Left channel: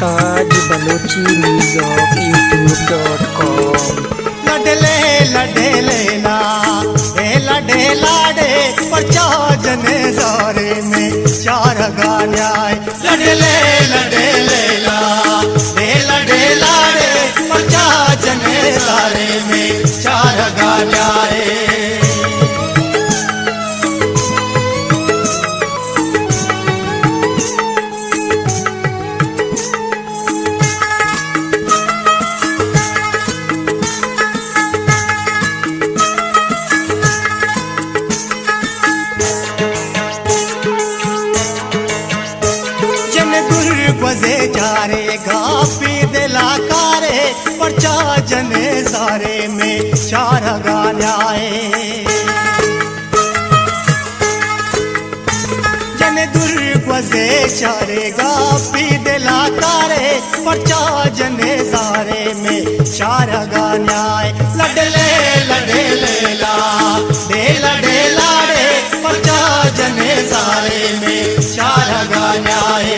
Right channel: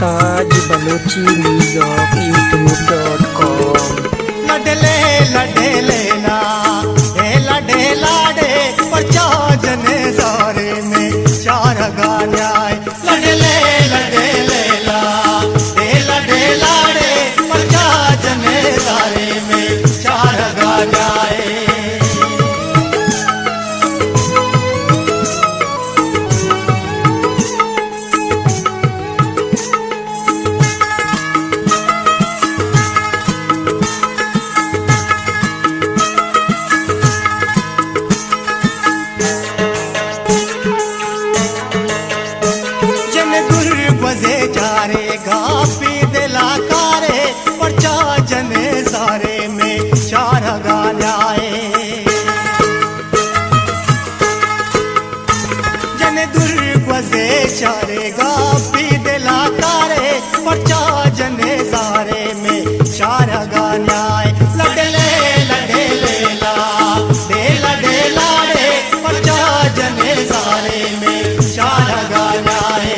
गुलताज Balochi news YouTube.com। लडले लडे लेला लडे लाडे परचा जने सारे में चार गान्याय लडले लडे लेला लडे लाडे परचा जने सारे में चार गान्याय। बजे चारे गापी दिला कारे परचा जने सारे में चार गान्याए जने दुर्गजे चारे गापी दिला कारे परचा जने सारे में चार गान्याए लडले लडे लेला लडे लाडे परचा जने सारे में चार गान्याए।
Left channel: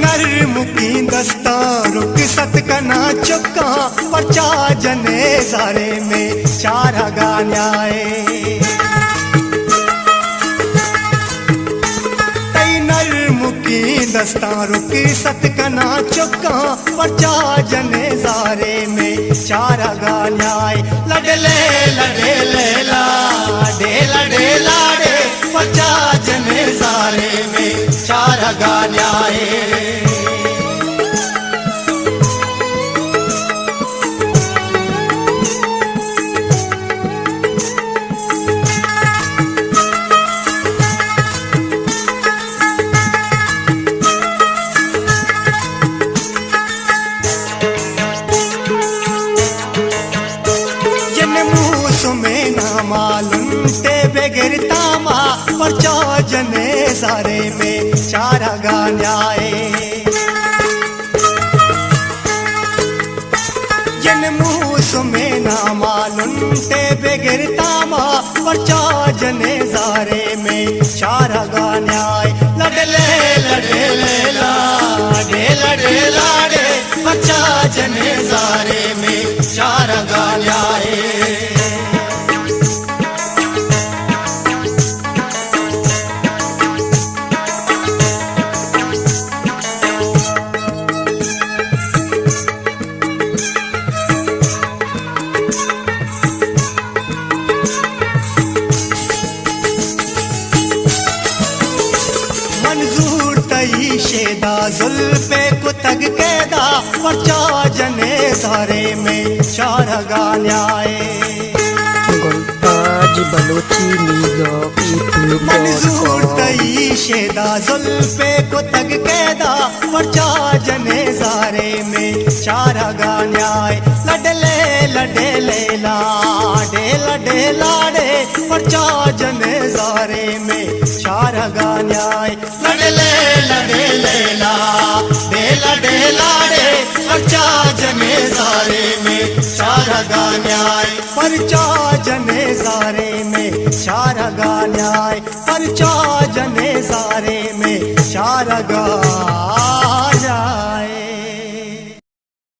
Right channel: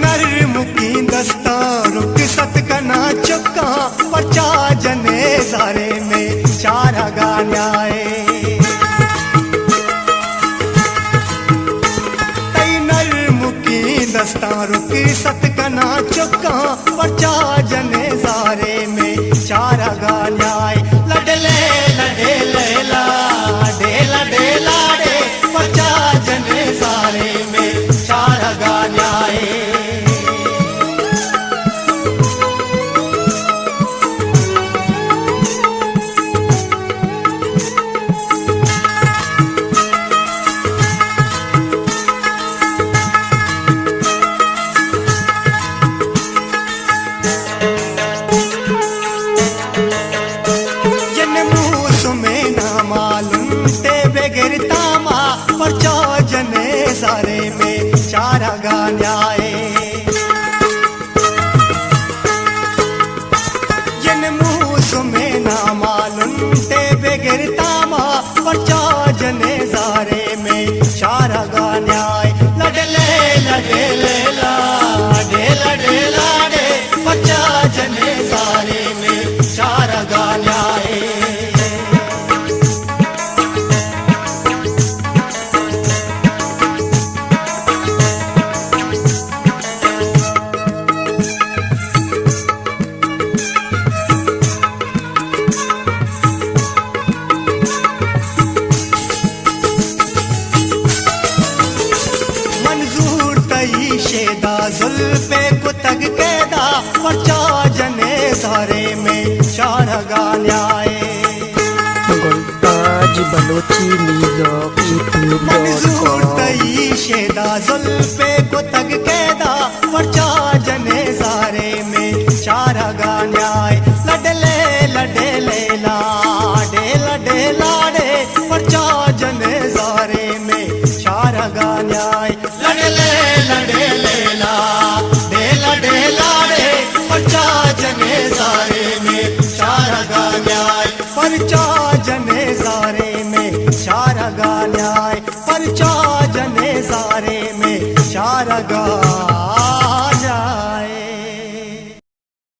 नर मुकी दस्ता रुक सत कना चुका परचा जने सारे में चार गान्याए नर मुकी दस्ता रुक सत कना चुका परचा जने सारे में चार गान्याए लडले लडे लेला लडे लाडे परचा जने सारे में चार गान्याए। में ना मालूम ते बगैर तामा परचा जने सारे में चार गान्याए जन मुँह में ना मालूम ते बगैर तामा परचा जने सारे में चार गान्याए लडले लडे लेला लडे लाडे परचा जने सारे में चार गान्याए। मंजूर तई शेदा जुल्फे को तग कैदा परचा जने सारे में चार गान्याए गुलताज बलोची न्यूज़ मंजूर YouTube.com। तई शेदा जुल्फे को तग कैदा परचा जने सारे में चार गान्याए लडले लडे लेला लडे लाडे परचा जने सारे में चार गान्याए लडले लडे लेला लडे लाडे परचा जने सारे में चार गान्याए परचा जने सारे में चार गान्याए परचा जने सारे में चार गा